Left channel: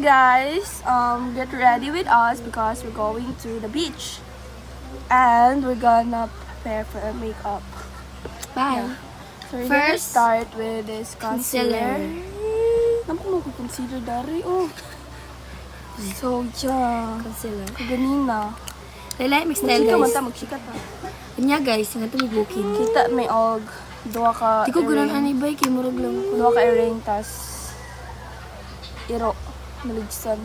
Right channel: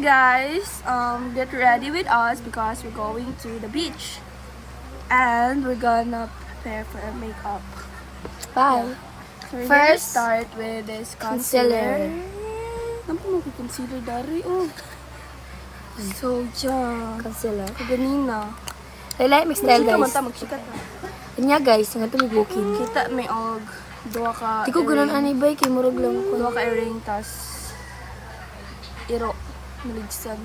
Hi guys, get ready with us because we're going to the beach. And we're gonna prepare for our makeup. Bye. So we're gonna First, start with this concealer. Naman ko concealer dari, oh. So, yeah. Concealer. Kaganina. Lailay, mix style Magchika man guys. ta, magchika ta. Kanya guys, nga ito may booking. Kita may og. Dua ka Di ko ganun earring. anibay, kay murag lang ko. Dua ka earring, tas iro. Maligsan.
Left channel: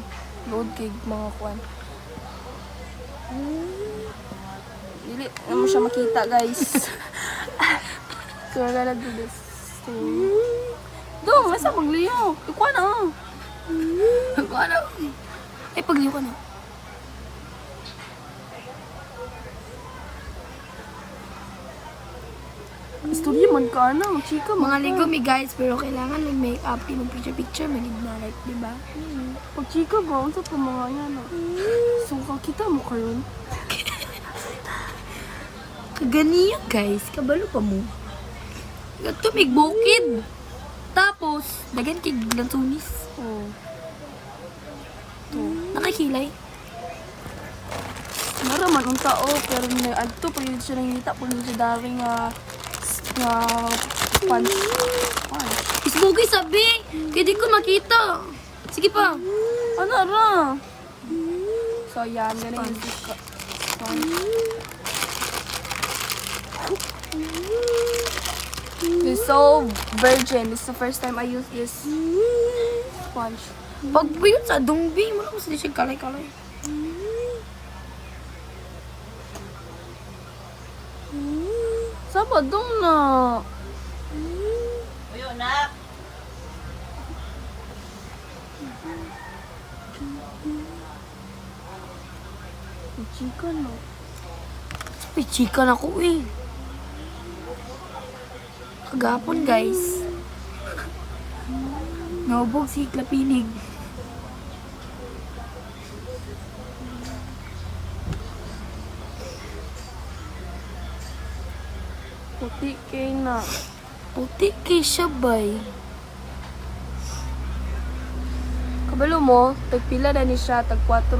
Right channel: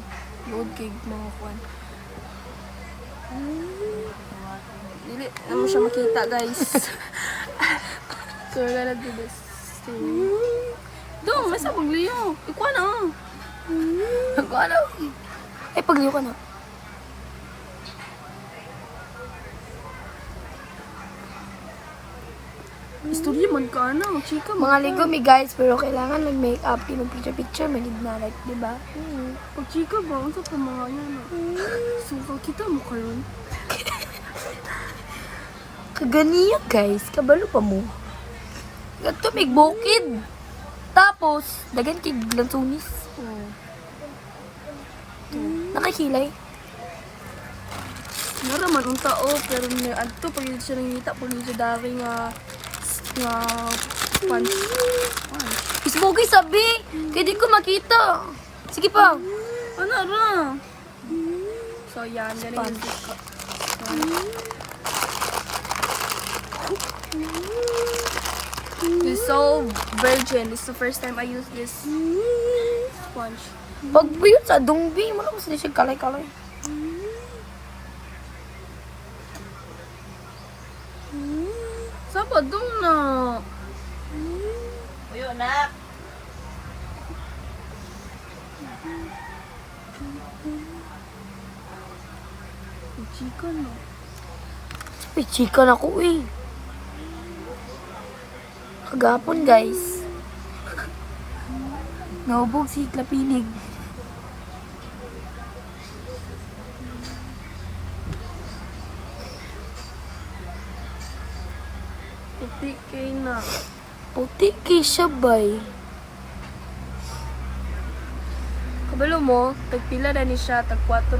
Load kay mga kwan. Dili naman siya makita, guys. So, we're gonna do this thing. Dong, nasa pagliyo. Ikuha na. Ako ano? Ay, pagliw ka na. Istorya man ka na. Magchika Mga ligumi guys, pero kailangan mag-makeup. Yung picture-picture, manig na like, di ba? Pagchika ba? Ang sa mga yan. Sungkang kita mo karon. Kaganiya guys, kabalo pa mo. Gato, may bukid. Tapos, dagan kay glantunis. Oh. Nakikilay. Naraman ang tao, pero may adto pag yun siya nangita pag yun siya dari nga punch. Isbugi sabi, kaya di ko makita. Sige pa. Ano ra? So yan, ganun yung dish. It's so virgin. This is the first time I use this sponge. Pag buyot sa dungbi, mo lang ko siya kalay-kalay. Sabadong na. Uyo na. Chicken no. Pichikan ako eh. Kagapon guys. Naubog si Klapinig. Puti kay na. Puti kay siya bay. Kabalo mo, tagpila na ni siya, tag 4.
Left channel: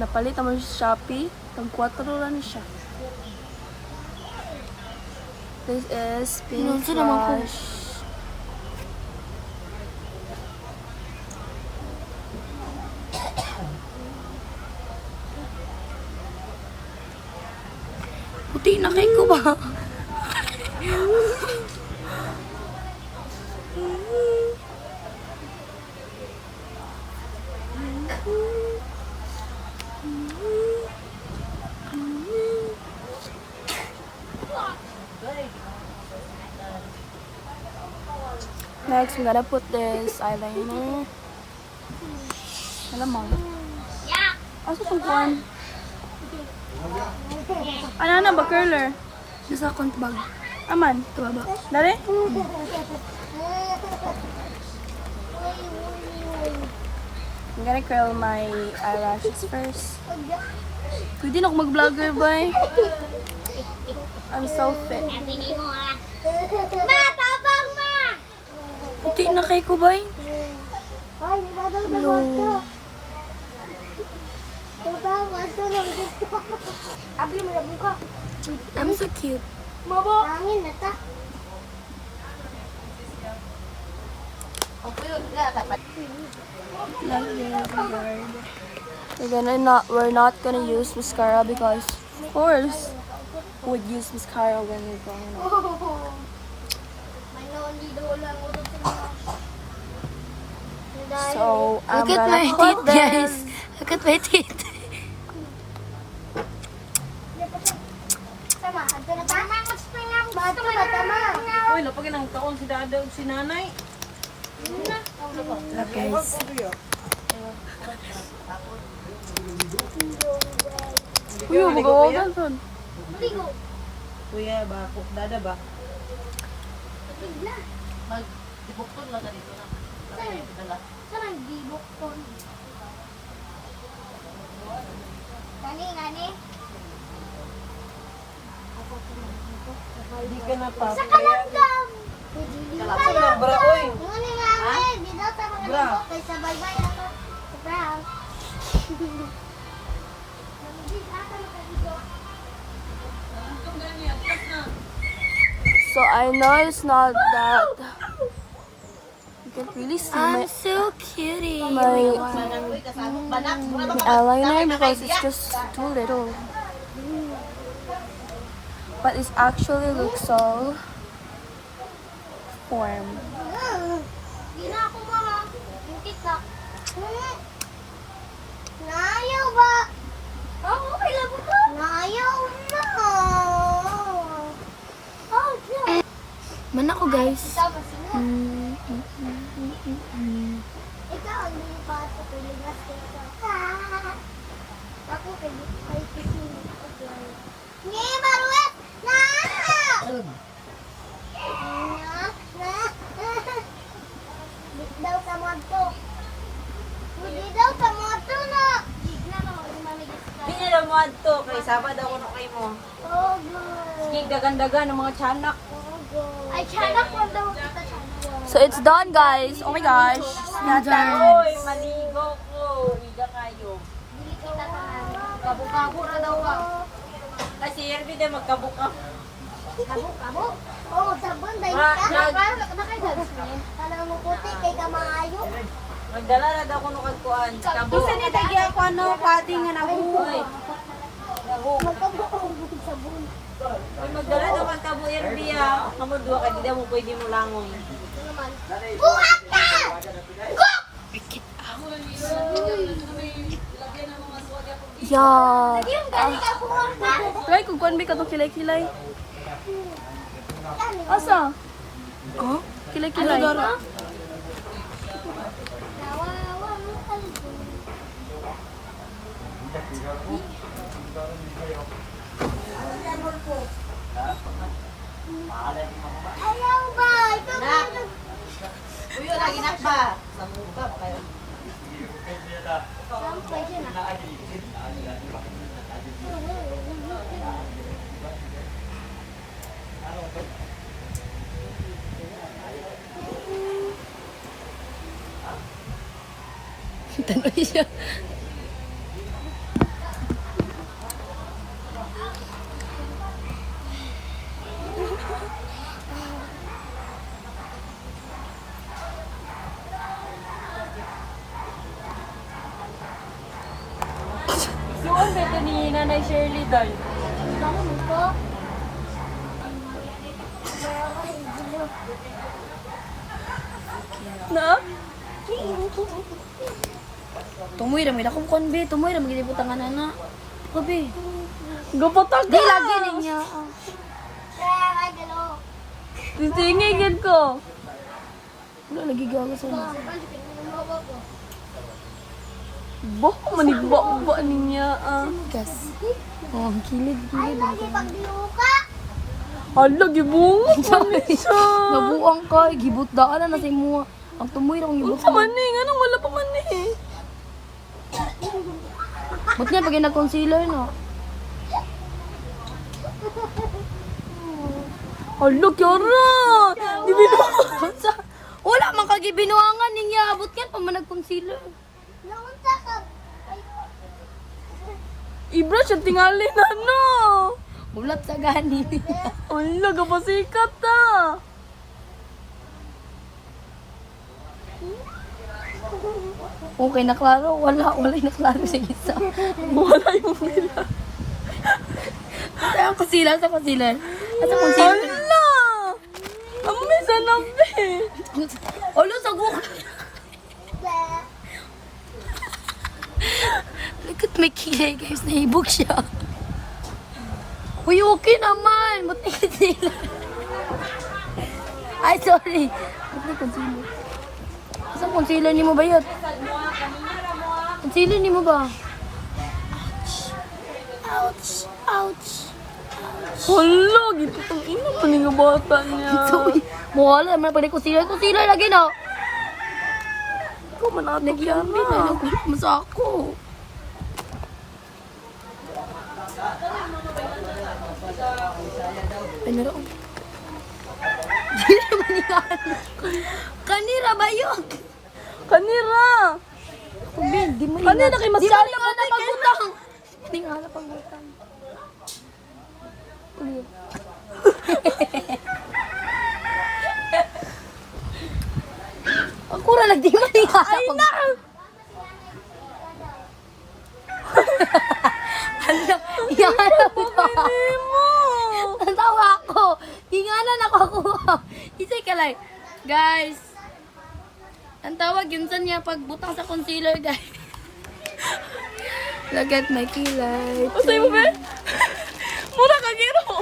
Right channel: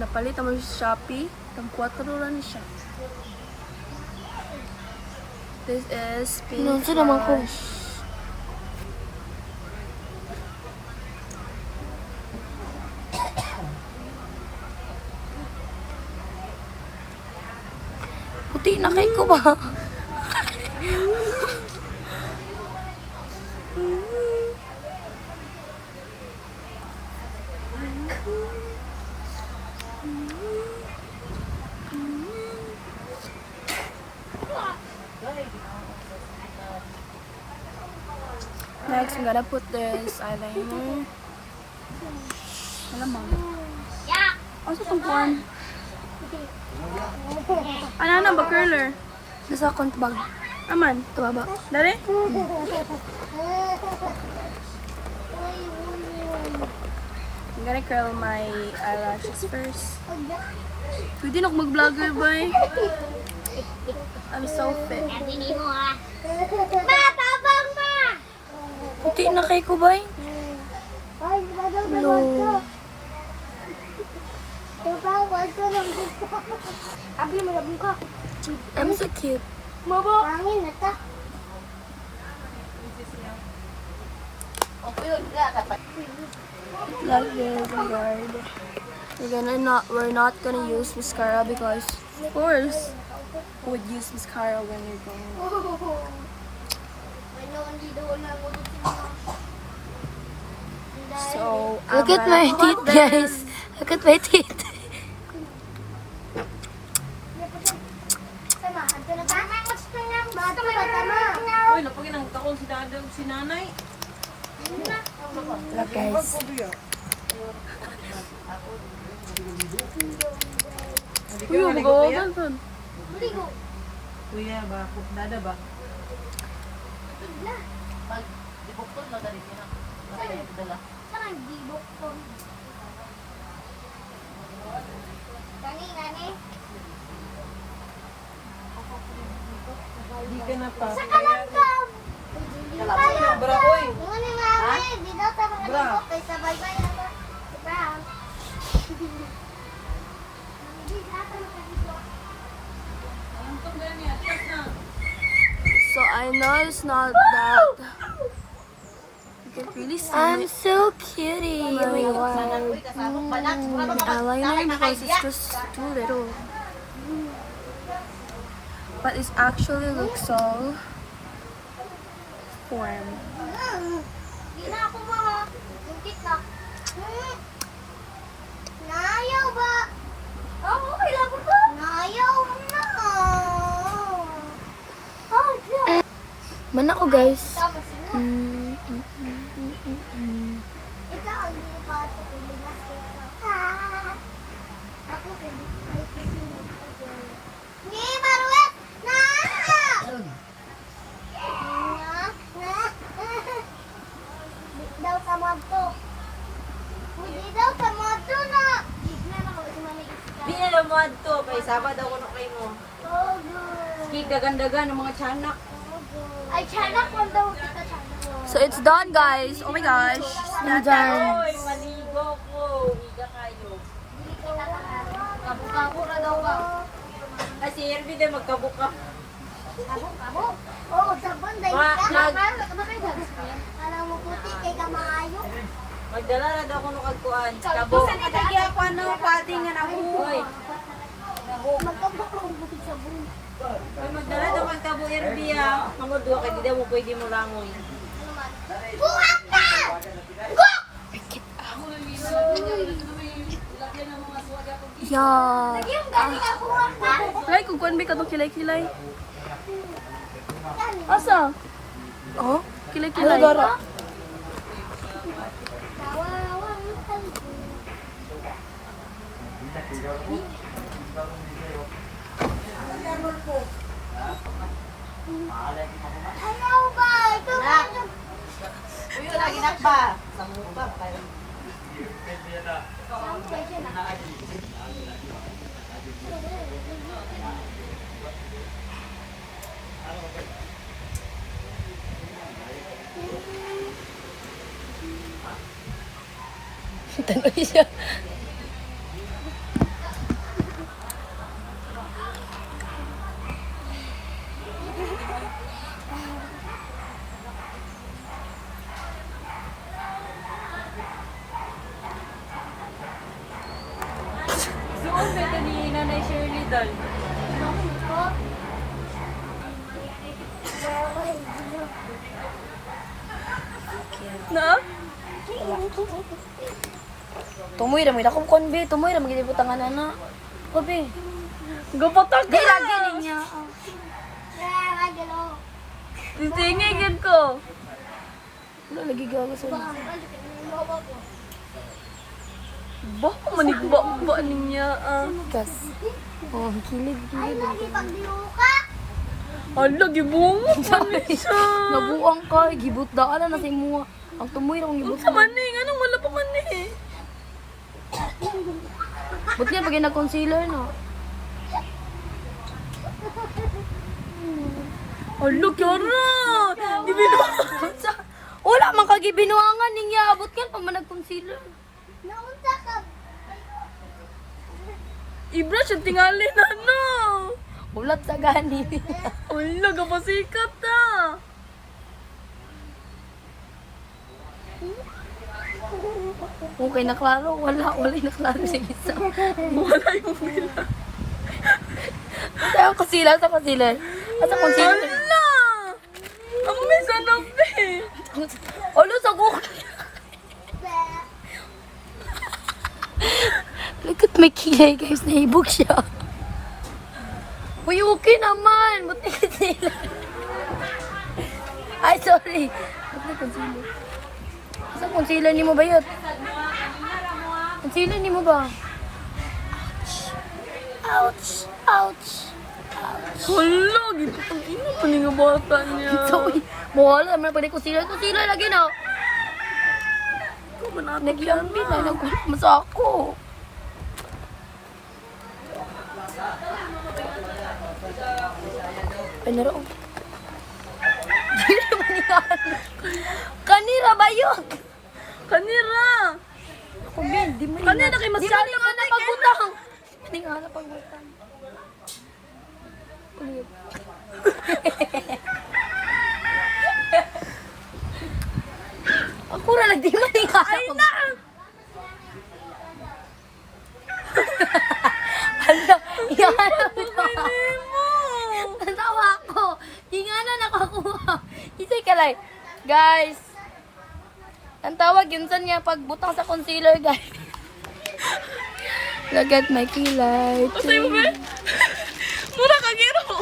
Napalit naman siya sa Shopee, tag 4 na ni siya. This is pink Inunsa naman ko. blush. Puti na kay ko ba? Next, I'm gonna put this eyeliner. Alamang. Asa tong kuan? Ano na ba, curler? Nasa account bag. Aman, Tumaba. dari? I'm gonna curl my eyelashes first. Pwede na ako mag-vlogger, boy. I'm so fit. Puti na kay ko bay. Hello. I'm so cute. Like this, guard. We're not gonna use mascara because, of course, who would use mascara when you're going out? So, Look at my teeth, guys. Look at my teeth. Uy, napagin ang taon si dada o si nanay. Look guys. Uy, magawagan pa. Kuya ba? Dada ba? Hindi ka na pa. Sa kalanggam! Bala, oy. Muna nga, di daw So I know it's not that. You can really see I'm my so cutie. eyeliner because it's just too little. But it actually looks so form. Nayaw ba? Oo, kailangan ba? Nayaw na. Oh, yeah. Man ako, guys. Tama sila. Ikaw ang lipat sa tuloy na sila. Ako, Ni, Maruet! Na! Di daw sa moto. Hindi daw sa moto na. Di na lang mo adto kay Sabado ako na kay mo. Oh, good. Sige, dagan-dagan ng mga tiyanak. Ay, tiyanak ko daw kita tiyanak. So it's done, guys. Oh my gosh. It's done. Oy, maligo ko. Iga kayo. Dili kita tangan. Kabuka-buka na daw ka. Kasi Erby din magkabuka. Kabo? Oh, magsabon dahil Ma, ka. nag- Kala mo puti kay ka maayo. Magdala na daw ko nung kagkuhan. Kabo. Kasi ni Dagi ako ano, pati nga na Uy, magkabuong sabon. magdala daw kang kabo Erby ah. Kamudwa ka, di daw mo pwede mo langon. Buhat ka! Yeah. Yung gani ka buhat ka! Right, kung kuwan ba ka itong kilay-kilay? Asa? Oh? Kilay-kilay. Ayaw ba? Ito ba? Tanong siya. Suon ba ito ni Nanay Shirley doon? Na? Tumoy ra, may akong konbi. Tumoy ra, magilibutangan na na. Kobe. Gapatag Di lagi niya. Titingin gid ko. Wala lagi gawa sa inyo. Baka manigba-ba niya. Gas. Oh, kilid. Ay, lagi pang biuka. Hala, gibungot man siya. Nabuang ka. Gibot daan na sa imo. Ang tumoy ra, ang gibot. Sa maning, anong wala pa man eh. But niya pag nag-concealer no. Hala, Kiara. Gibinuhat. Wala man kagibinuangan niya. Abot kan pa man nag-concealer. Naunta ka. Ibra siya tingali na no. Ulat sa gani. Hala, kapasikat na. Okay na klaro. Wala na klaro sa isa. Wala yung bila. Sa concealer. At sa concealer. Hala. Ang misa na be. Olo sa guk. Look at my kilay guys. Nahibog siya. Uy, okay naman. Ba't may concealer? Ay, sorry. Ba't may concealer? Sa concealer ni mo ba yun? Concealer ni mo ba? Ouch. Hala, giputang ina pa ni nga bata niya. Sorry. Mawala naman pala concealer. Concealer lagi na. Ikaw man natin Nagyambi na. Nagkulip mo sa ako. Ay, naroon. Di naman yan. Kanira ba yun? Kanira! Ako, Ben, di mo Kanina kay mas Di mo galing nga napagbutang. Di nga napagbutang. Ulit. Ako ra lang, di mo nga napagbutang. Ano? Iyanap ito. Natawa ako. Inganan ako kuha. Isay ka lang. Guys. Ang tawag yun saan niya pagbutang sa concealer, guys. Look at my kilay. Mura ka giro!